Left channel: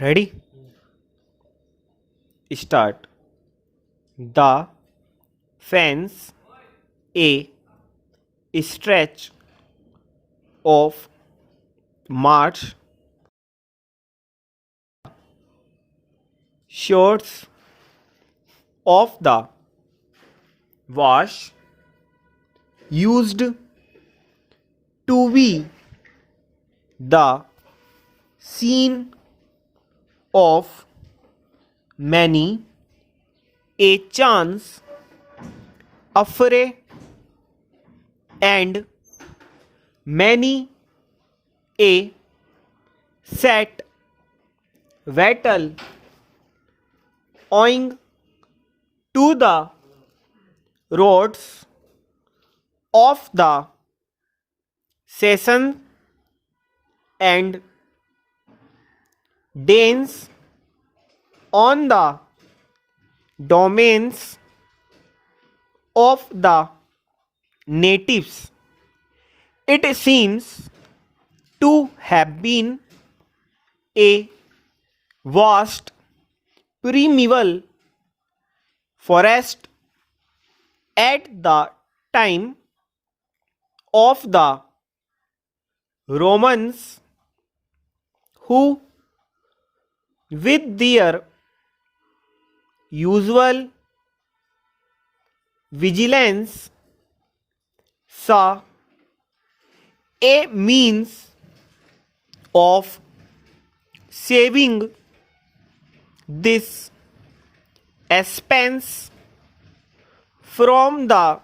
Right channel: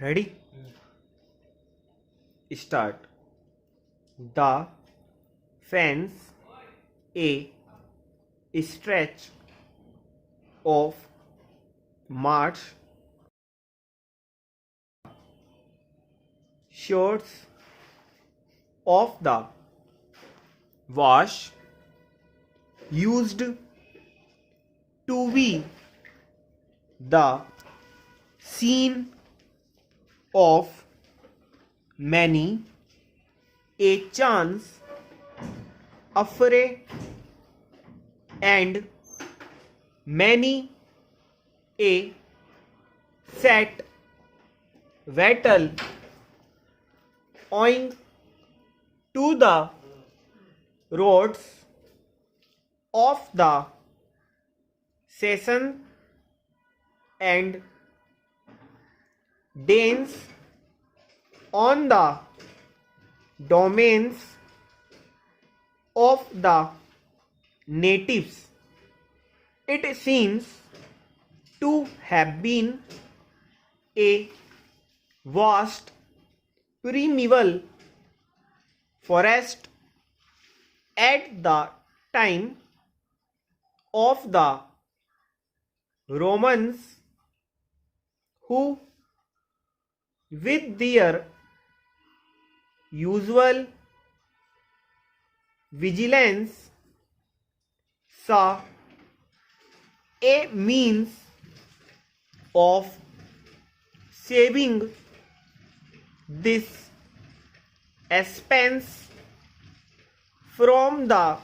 Ready? Start. The fence a stretch of march shorts of the wash used to be the scene of many a chance affray and many a set battle owing to the roads of the session and Danes on the domains of the natives. It seems to have been a vast primeval forest at the time of the Romans, who, with their usual vigilance, saw a means of saving this expense from the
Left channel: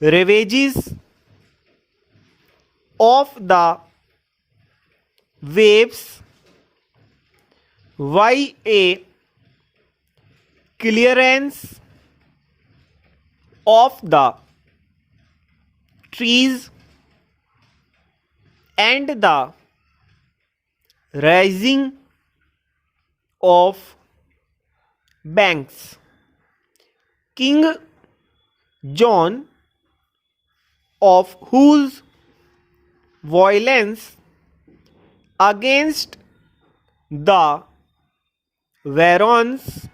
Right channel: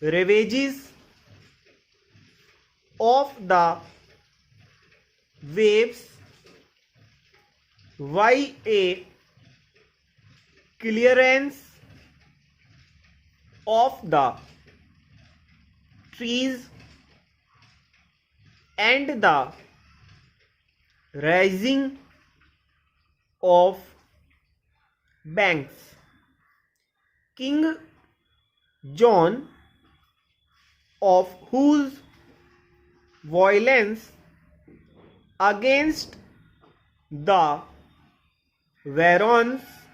ravages of the waves by a clearance of the trees and the rising of banks. King John, of whose violence against the Barons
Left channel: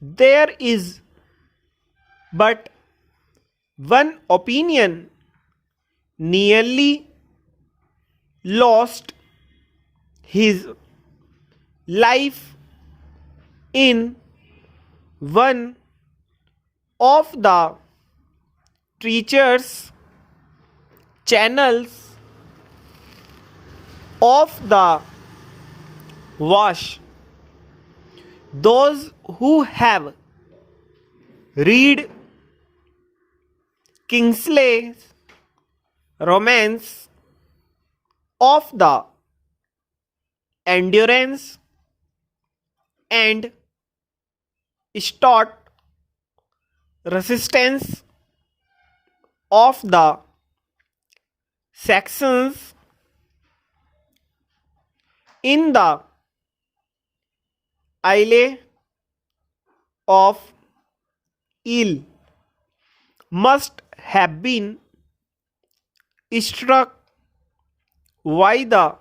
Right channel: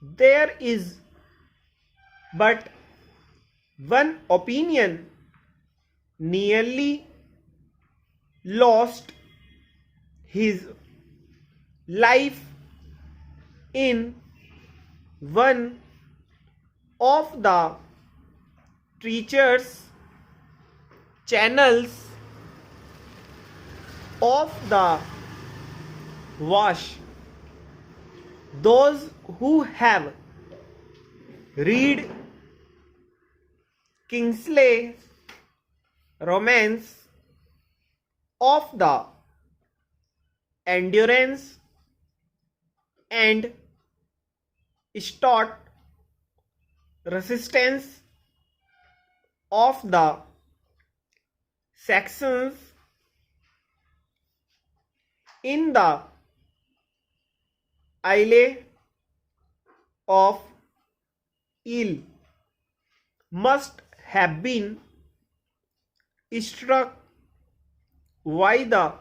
there is but one opinion, nearly lost his life in one of the treacherous channels of the Wash. Those who have read Kingsley's romance of the endurance and stout resistance of the Saxons in the Isle of Eel must have been struck by the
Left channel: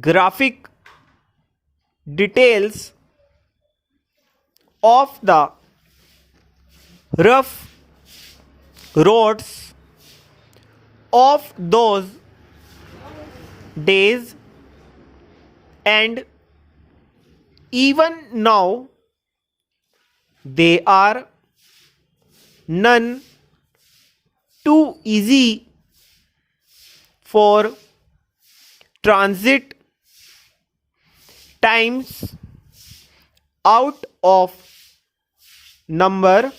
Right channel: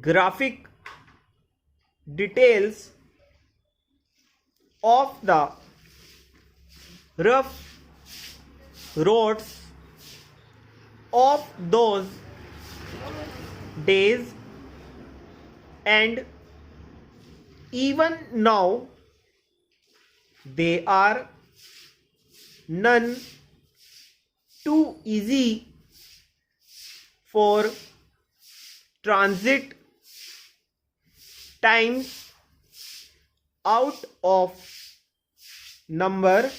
graphic details of the rough roads of those days, and even now they are none too easy for transit times out of number.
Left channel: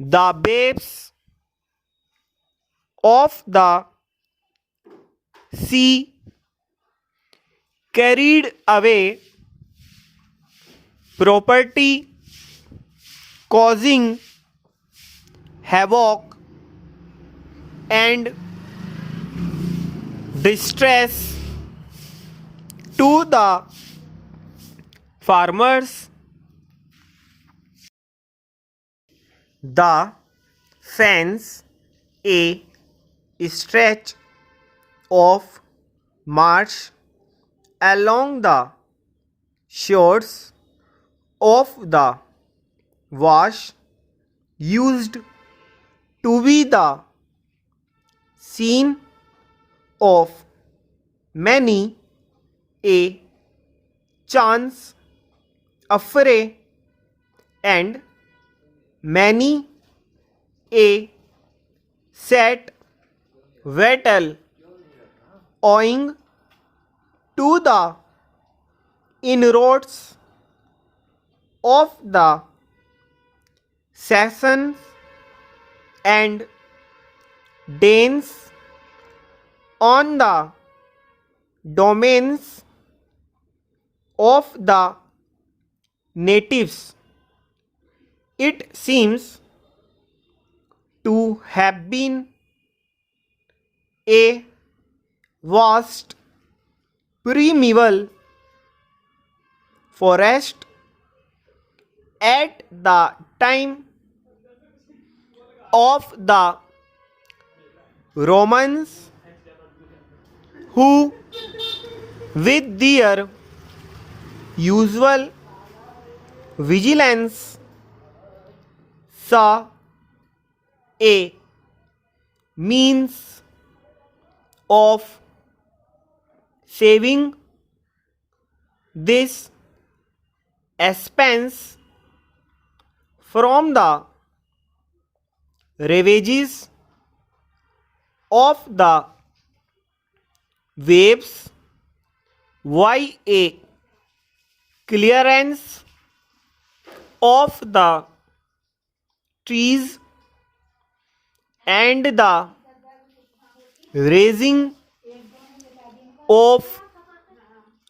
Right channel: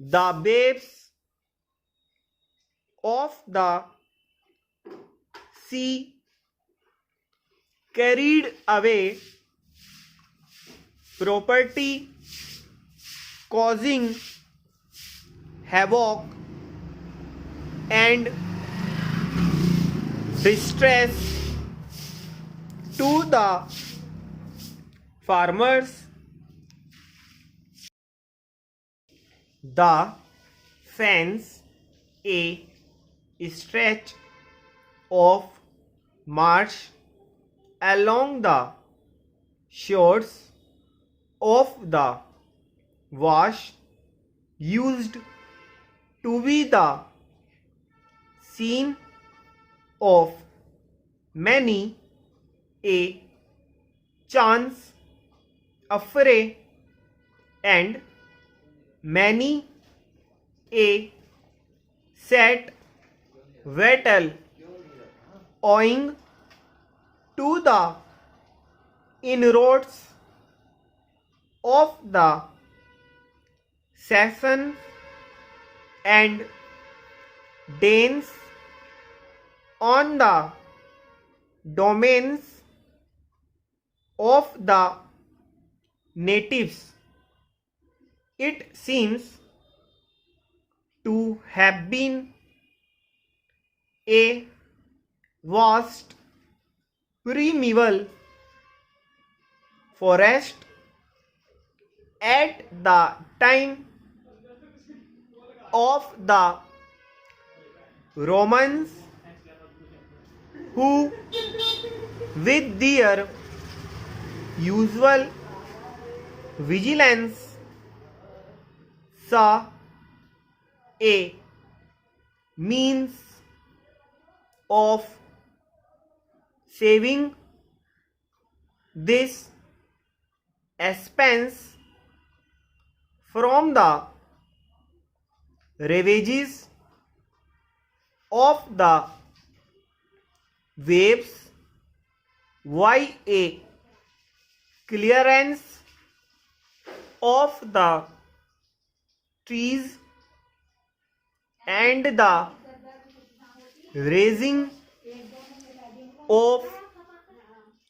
The babes of the sea carried away property, causing havoc and distress to the farmers. The fence, a stretch of marsh along the shores of the Wash used to be the scene of many a chance affray and many a set battle owing to the inroads of the Saxons and Danes on the domains of the natives. It seems to have been a vast primeval forest at the time of the Romans, who with their usual vigilance saw a means of saving this expense from the ravages of the waves by a clearance of the trees and the raising of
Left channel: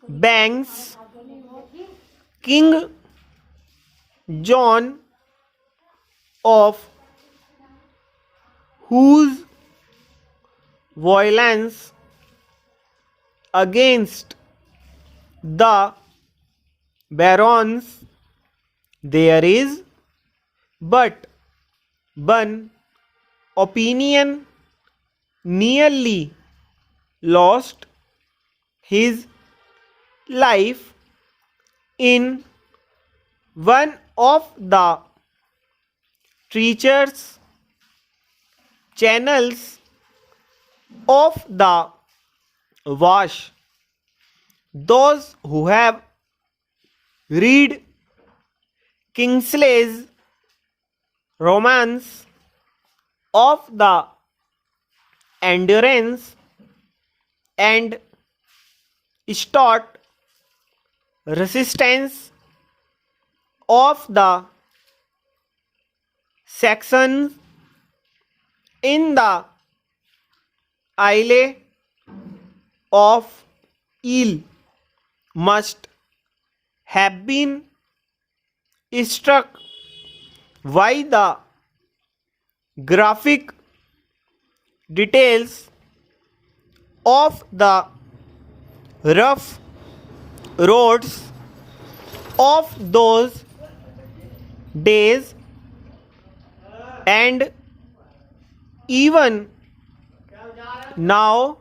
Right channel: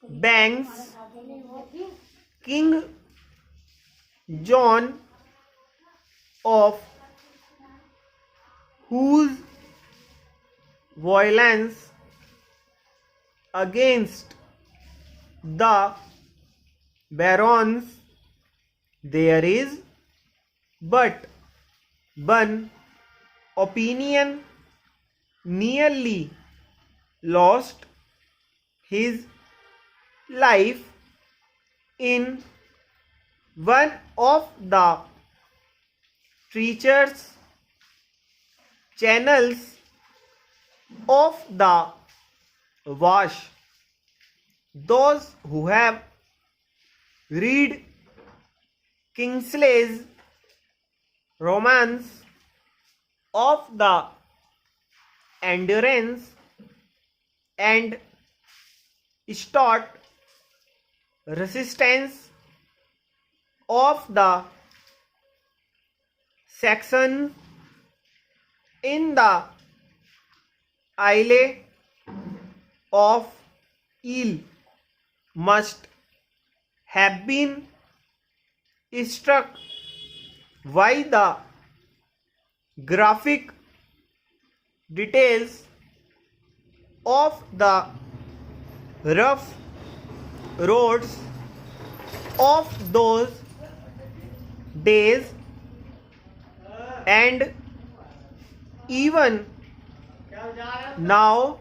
banks. King John, of whose violence against the barons there is but one opinion, nearly lost his life in one of the treacherous channels of the Wash. Those who have read Kingsley's romance of the endurance and stout resistance of the Saxons in the Isle of Eel must have been struck by the graphic details of the rough roads of those days, and even now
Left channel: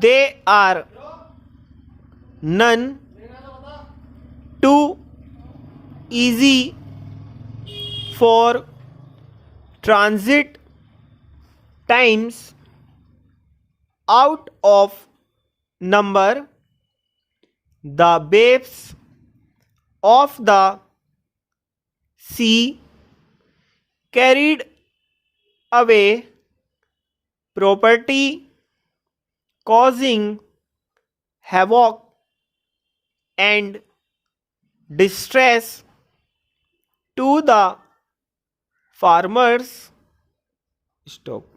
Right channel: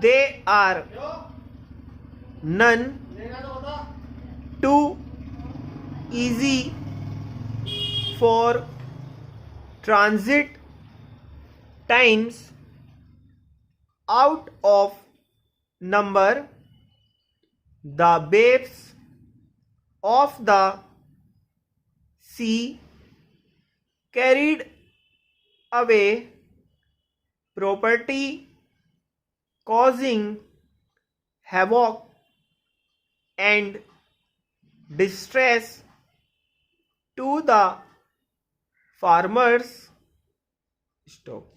they are none too easy for transit times. Out of number the babes of the sea carried away property, causing havoc and distress to the farmers. Stop.